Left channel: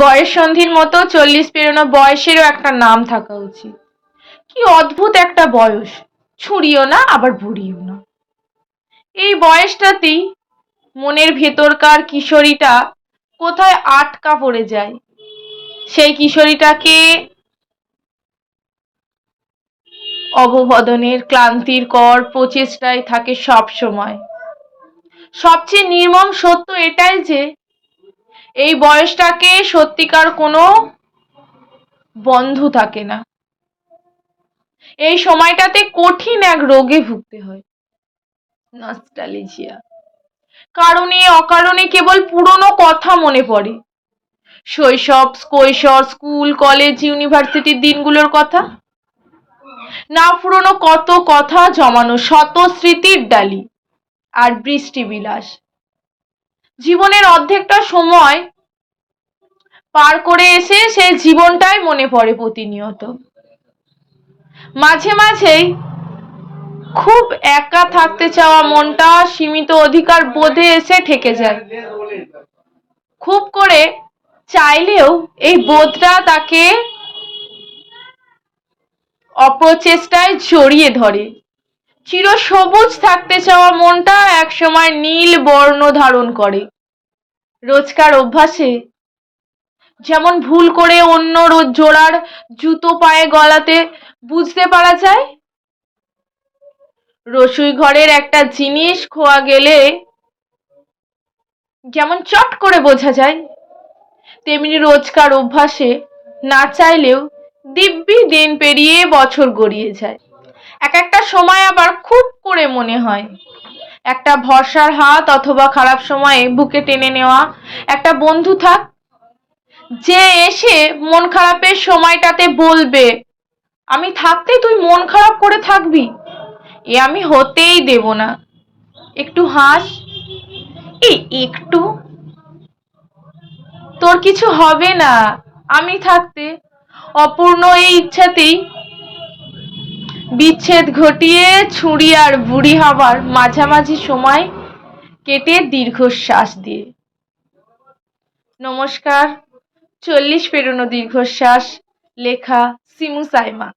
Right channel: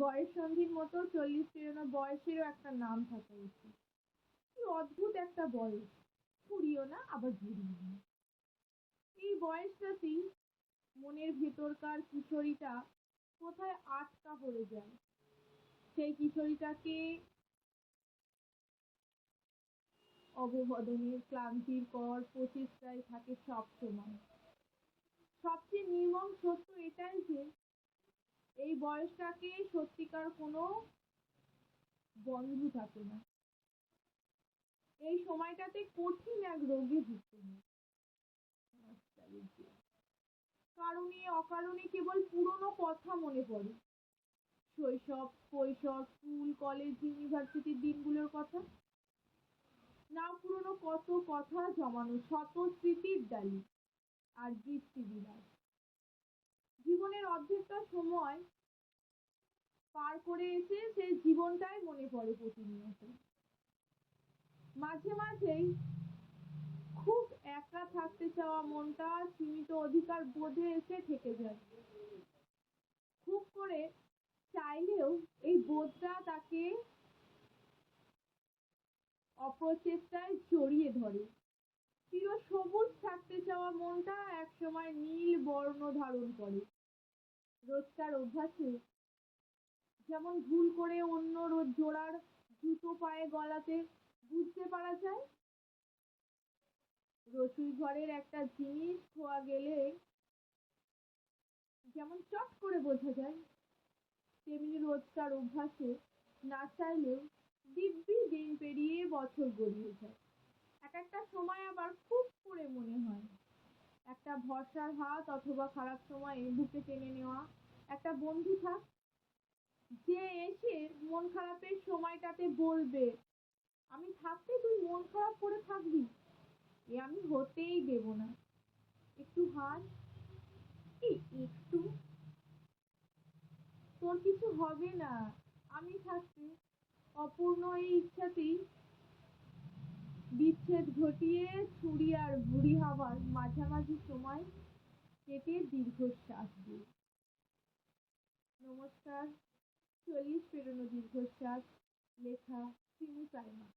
বয়ঃসন্ধির মতো 40 পেরোনো বয়সেরও একটা নাম থাকা উচিত। কি অদ্ভুত একটা বয়স, ছুঁড়িও না আবার বুড়িও না। এই বয়সটাতেই মনের ভেতরকার কিশোরীটা কোথায় আটকা পড়ে যায়। সেই কিশোরীটাকে অববদনের ক্লান্তির কর প্রচেষ্টায় থাকে সব সময়। সবচেয়ে নির্মম সত্য এটাই যে এই বয়সটাকে সত্যিকার কোনো বন্ধু থাকে না। এই সময়টাতে কঠিন এক রোগে ভুগতে হয়, নস্টালজিয়া। কারণে অকারণে কেবল পুরনো কথা মনে পড়ে। শৈশব, কৈশোর, স্কুল, কলেজ, ইউনিভার্সিটির দিনগুলোর কথা। না পুরনো কত কথা জমানো শত স্মৃতির ডালি আর বৃষ্টি বিলাস। জীবনের অর্ধেকটা সময় পার করে এসে সেই জীবনটাই মনে পড়ে প্রতিনিয়ত। মাঝে মাঝেই খুব একা থাকতে চাওয়া মনটা সীমিত অধিকার বোধে এসে ঠেকে যায়। খুব করে চাইলেও এই বোধটা তাকে অপ্রচেষ্টায় জড়িয়ে ধরে। চিরসবুজ থাকতে চাওয়া মনটা একসময় নীল বর্ণ ধারণ করে। রোজকার অভ্যাসে যেমন ভুল করে অন্য জোড়ার জুতো পায়ে গলাতে বুঝতে পারা যায়, রসুই ঘরের একটা জিনিস খোয়া গেলে যেমন চট করে বোঝা যায়, তেমনি রোজকার অভ্যাসে না চাইলেও দিব্যি দিন পেরিয়ে বছর গড়িয়ে যায়। এক একটা সময় আবার খুব করে মনে হয় একটা ভরসার হাত অথবা খারাপ সময়ে বুকে টেনে নেওয়া একটা বন্ধু থাক, যে এসে মন খারাপের সময়টাতে বলবে, আমি থাকতে তুই মন খারাপ করে থাকবি, এ আমি হতেই দেব না। একটু হাস, এই একটু, তোর কিছু হবে না আমি থাকতে। অপূর্ণ এই ইচ্ছাতেই বিচ্ছেদ ঘটিয়ে ছুরি আর বুড়ি হবার মাঝামাঝি সময় কেটে দীর্ঘশ্বাস দিয়ে। নমস্কার, 40 পেরোনো দীর্ঘশ্বাস, লেখা সিমু সাইমা।